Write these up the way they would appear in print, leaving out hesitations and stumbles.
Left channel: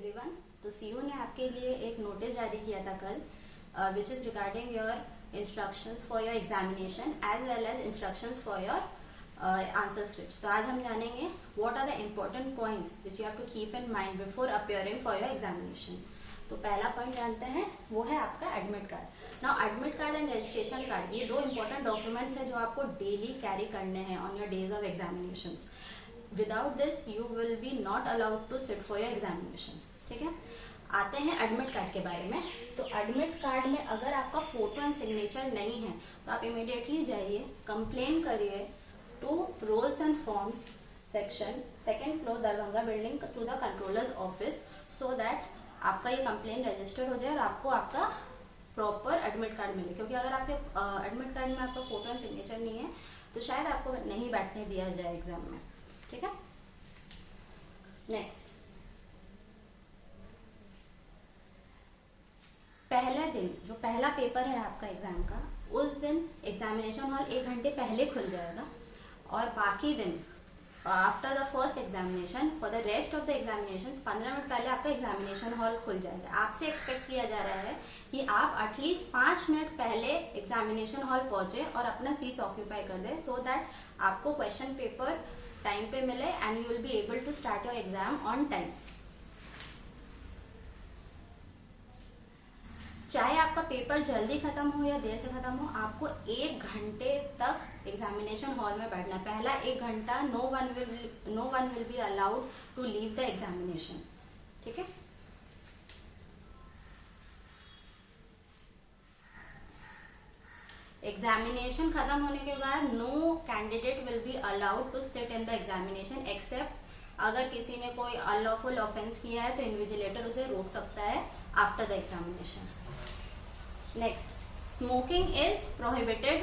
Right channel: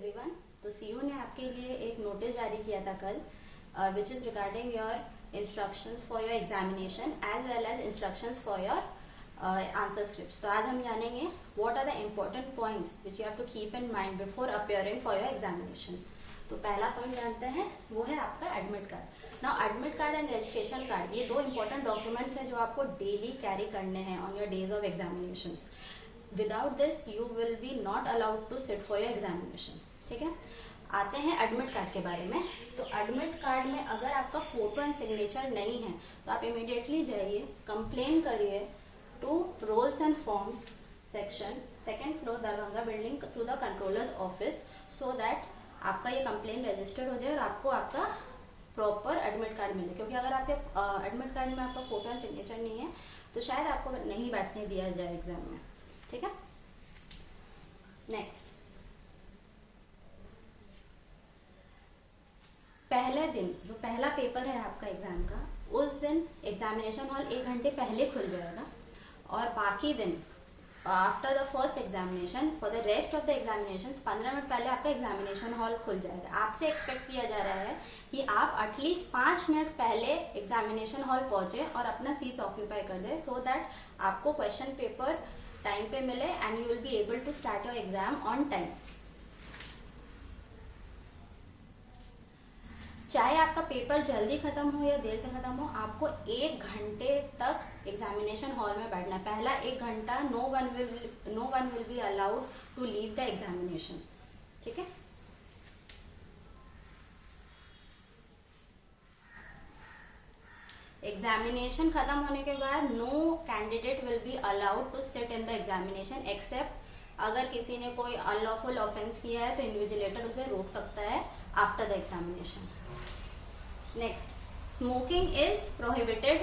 Everyone. तो CU ने आपके लिए एक नोटिस जारी किया था कल, which is regarding your instructions for your examination as well as instructions for your answer scripts. तो आज हम जानेंगे what are the important points which you have to keep in mind before appearing for your examination. तो पहला point जानते हैं, वो है आपका admit card. Now admit card and registration card, ये दो इंपॉर्टेंट डॉक्यूमेंट्स हैं जो आपको डेली कैरी करने हैं on your days of examinations. Without this you will be not allowed to sit for your examination. ठीक है, आते हैं एडमिट कार्ड के बारे में। तो एडमिट कार्ड में अगर आपका फोटो एंड सिग्नेचर नहीं है तो आप इमीडिएटली जाइए, कंप्लेन करिए to rolls and forms section, 2nd floor Darbhanga building, to the controllers office, so that आपका ये कंप्लेन रजिस्टर्ड हो जाए और आपको आपका प्रॉपर एडमिट कार्ड मिले। क्योंकि अगर आपके एडमिट कार्ड में आपका फोटो एंड सिग्नेचर नहीं है तो शायद आपको नहीं बैठने दिया जाए एग्जाम में। ठीक है, नेक्स्ट, पहले दिन जो पहला पेपर है आपका एग्जाम का, उस दिन एग्जामिनेशन हॉल 1 घंटे पहले खुल जाएगा और बाकी दिन after the first examination for the rest of the examination 15 minute पहले आपका एग्जामिनेशन हॉल खुल जाएगा। आपसे एक्सपेक्ट किया जा रहा है कि आप एटलीस्ट 5 मिनट पहले एग्जामिनेशन हॉल पहुंचे और अपना सीट ऑक्यूपाई कर दे, सो दैट आपको क्वेश्चन पेपर टाइम पे मिले and you will be able to start your exam on time. चाहे आपका पेपर जल्दी खत्म हो या देर से खत्म हो, आपको 1 घंटे तक एग्जामिनेशन हॉल में बैठना है। पहला 1 घंटा no one will be allowed to leave the examination. ठीक है, एग्जामिनेशन खत्म होने के बाद no candidate will be allowed to sit in the examination except अगर किसी ने कोई अनलॉफुल ऑफेंस किया है तो इन्विजिलेटर उसे रोक सकता है after the examination. Next, smoking is prohibited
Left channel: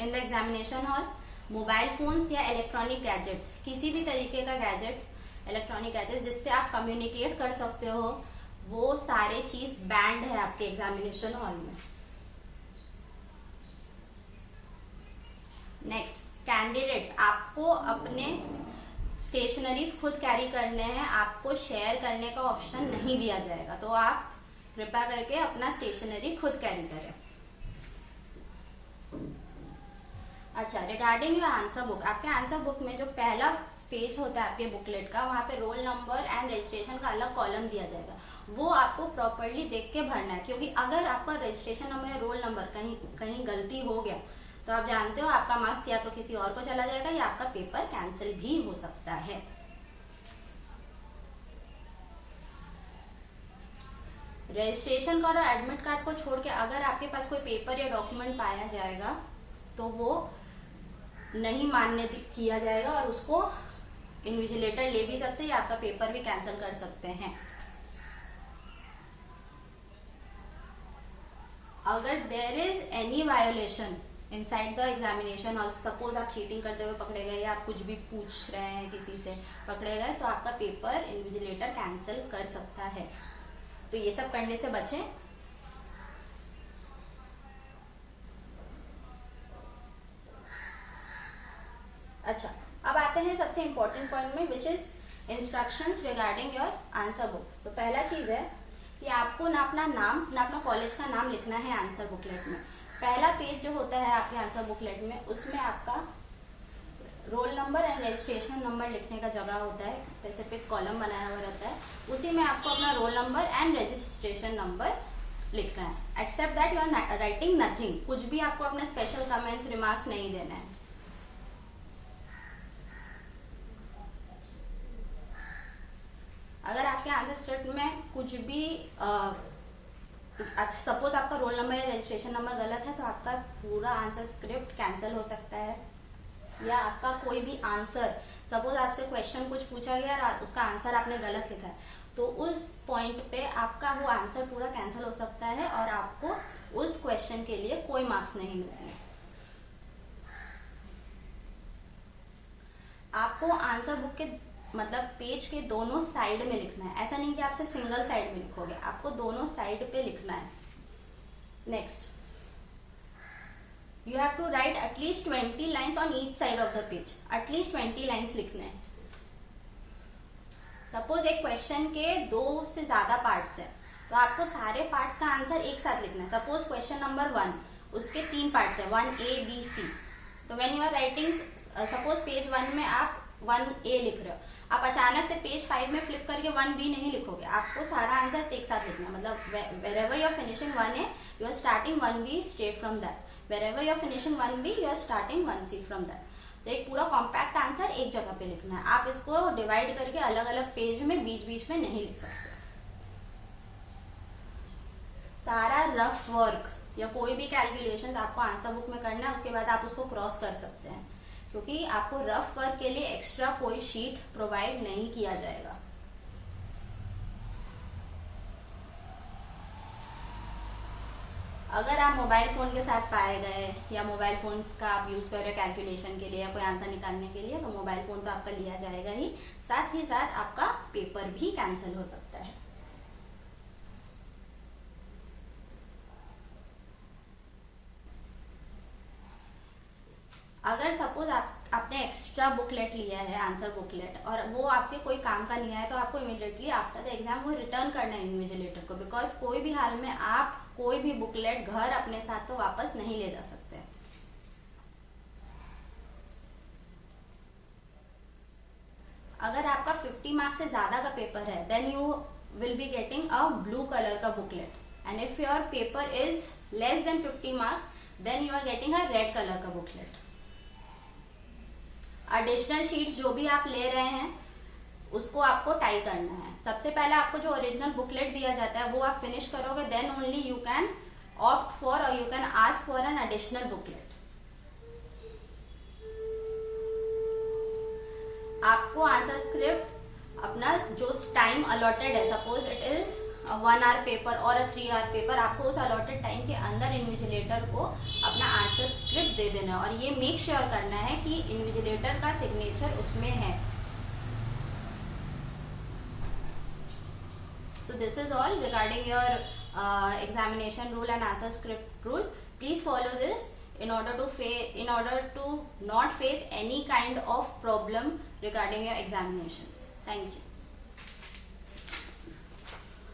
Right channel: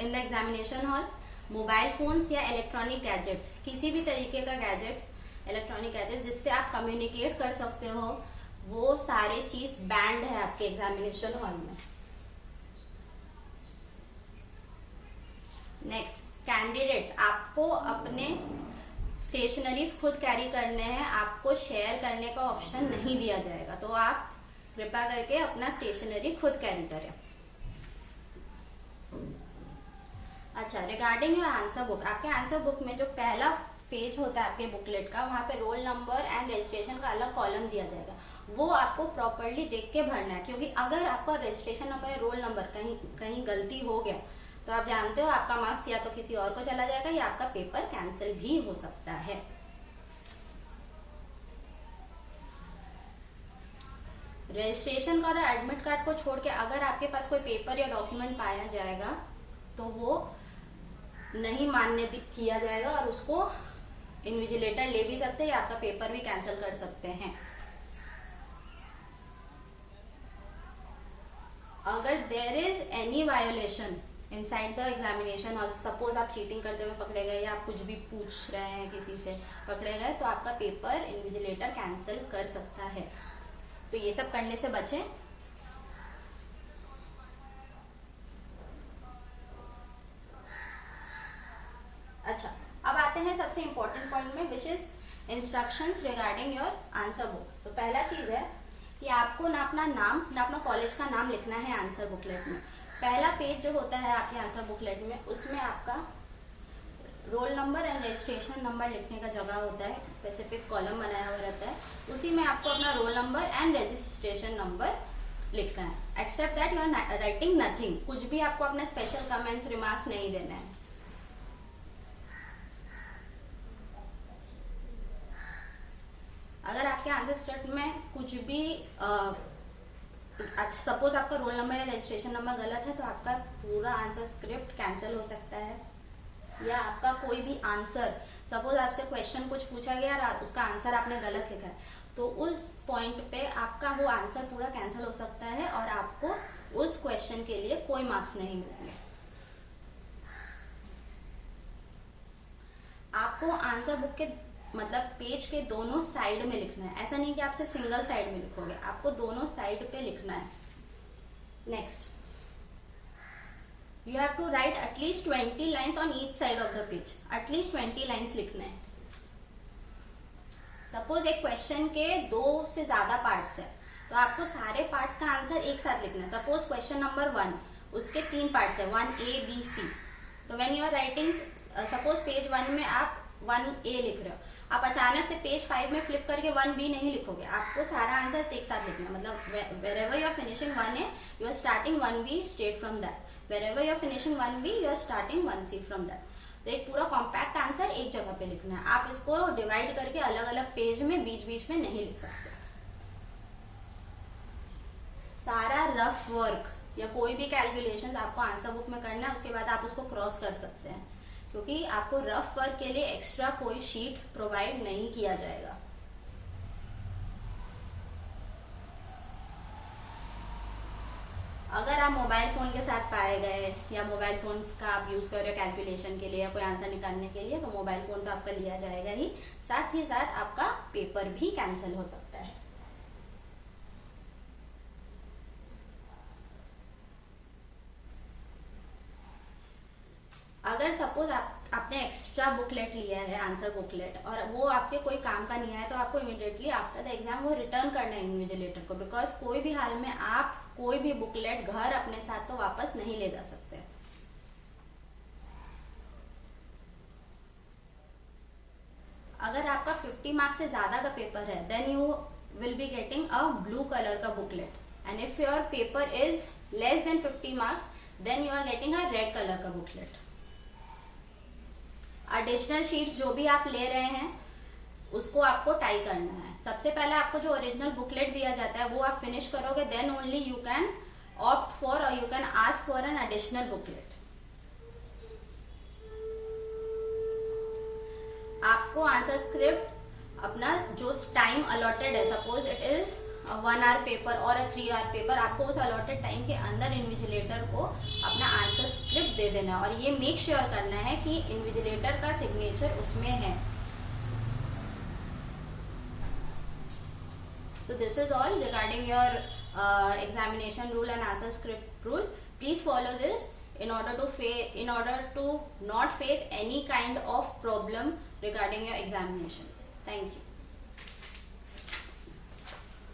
in the examination hall. Mobile phones या इलेक्ट्रॉनिक गैजेट्स, किसी भी तरीके का गैजेट्स, इलेक्ट्रॉनिक गैजेट्स जिससे आप कम्युनिकेट कर सकते हो, वो सारे चीज बैंड है आपके एग्जामिनेशन हॉल में। नेक्स्ट, कैंडिडेट्स, आपको अपने स्टेशनरीज खुद कैरी करने हैं, आपको शेयर करने का ऑप्शन नहीं दिया जाएगा, तो आप कृपया करके अपना स्टेशनरी खुद कैरी करें। अच्छा, रिगार्डिंग योर आंसर बुक, आपके आंसर बुक में जो पहला पेज होता है आपके बुकलेट का, वहां पे रोल नंबर एंड रजिस्ट्रेशन का अलग कॉलम दिया जाएगा, वो आपको प्रॉपरली देख के भरना है। क्योंकि अगर आपका रजिस्ट्रेशन नंबर या रोल नंबर कहीं गलती हो गया तो आप जानते हो आपका मार्क्स या तो किसी और को चला जाएगा या आपका पेपर कैंसिल भी हो सकता है। रजिस्ट्रेशन कार्ड और एडमिट कार्ड को छोड़ के अगर आपके पास कोई पेपर या डॉक्यूमेंट पाया जाएगा तो वो नहीं मान्य किया जाएगा और उसको इन्विजिलेटर ले भी सकते हैं या आपका पेपर भी कैंसिल कर सकते हैं। अगर there is any violation inside the examination hall, suppose आप चीटिंग करते हुए पकड़े गए या आप कुछ भी पूछ रहे हैं किसी से पकड़े गए, तो आपका पेपर इन्विजिलेटर कैंसिल कर सकता है। तो ये सब करने से बचें। अच्छा, अब आते हैं सबसे इंपॉर्टेंट पॉइंट में, which is instructions regarding your answer book. तो पहला चीज है कि आपको ना अपना नाम ना अपना कॉलेज का नाम लिखना है आंसर बुकलेट में। पहला पेज जो होता है आपके आंसर बुकलेट में, उसमें आपका role number and registration number लिखने का जगह होता है, स्पेसिफिक कॉलम बनाया हुआ रहता है, उसी में आपको अपना roll number and registration number लिखना है। Except that you are writing nothing, कुछ भी आपको अपने स्पेशल कमेंट्स रिमार्क्स नहीं देना है। अगर आपके आंसर स्क्रिप्ट में कुछ भी सपोज आपका रोल नंबर या रजिस्ट्रेशन नंबर गलत है तो आपका पूरा आंसर स्क्रिप्ट कैंसिल हो सकता है, या आपका कोई भी आंसर, सपोज आपसे क्वेश्चन कुछ पूछा गया और उसका आंसर आपने गलत लिखा है, तो उस पॉइंट पे आपका वो आंसर पूरा कैंसिल हो सकता है और आपको उस क्वेश्चन के लिए कोई मार्क्स नहीं मिलेंगे। आपको आंसर बुक के मतलब पेज के दोनों साइड में लिखना है, ऐसा नहीं कि आप सिर्फ सिंगल साइड में लिखोगे, आपको दोनों साइड पे लिखना है। Next, you have to write at least 20 lines on each side of the page, at least 20 lines लिखना है। सपोज एक क्वेश्चन के 2 से ज्यादा पार्ट्स है, तो आपको सारे पार्ट्स का आंसर एक साथ लिखना है। सपोज क्वेश्चन नंबर 1, उसके 3 पार्ट्स है, 1A B C। तो when you are writing, suppose page 1 में आप 1A लिख रहे हो, आप अचानक से पेज 5 में फ्लिप करके 1B नहीं लिखोगे, आपको सारा आंसर एक साथ लिखना है। मतलब wherever you are finishing 1A, you are starting 1B straight from that. Wherever you are finishing 1B, you are starting 1C from that. तो एक पूरा कॉम्पैक्ट आंसर एक जगह पे लिखना है। आप इसको डिवाइड करके अलग अलग पेज में बीच बीच में नहीं लिख सकते। सारा रफ वर्क या कोई भी कैलकुलेशन आपको आंसर बुक में करना है, उसके बाद आप उसको क्रॉस कर सकते हैं, क्योंकि आपको रफ वर्क के लिए एक्स्ट्रा कोई शीट प्रोवाइड नहीं किया जाएगा। अगर आप मोबाइल फोन के साथ पाए गए या मोबाइल फोन का आप यूज कर रहे हो कैलकुलेशन के लिए या कोई आंसर निकालने के लिए, तो मोबाइल फोन तो आपका लिया जाएगा ही साथ आपका पेपर भी कैंसिल हो सकता है। अगर सपोज आपने एक्स्ट्रा बुकलेट लिया है, आंसर बुकलेट, और वो आपके कोई काम का नहीं है, तो आपको इमीडिएटली आफ्टर द एग्जाम वो रिटर्न करना है इन्विजिलेटर को, बिकॉज कोई भी हाल में आप कोई भी बुकलेट घर अपने साथ तो वापस नहीं ले जा सकते। अगर आपका 50 मार्क्स से ज्यादा का पेपर है, then you will be getting a blue colour का booklet, and if your paper is less than 50 marks, then you are getting a red colour का बुकलेट। एडिशनल शीट्स जो भी आप ले रहे हैं उसको आपको टाई करना है। सबसे पहले आपको जो ओरिजिनल बुकलेट दिया जाता है वो आप फिनिश करोगे, then only you can opt for और you can ask for an additional booklet. आपको आंसर स्क्रिप्ट अपना जो टाइम अलॉटेड है, suppose it is 1 hour paper और 3 आवर पेपर, आपको उस अलॉटेड टाइम के अंदर इन्विजिलेटर को अपना आंसर स्क्रिप्ट दे देना है, और ये मेक श्योर करना है कि इन्विजिलेटर का सिग्नेचर उसमें है। So this is all regarding your examination rule and answer script rule. Please follow this in order to not face any kind of problem regarding your examinations. Thank you.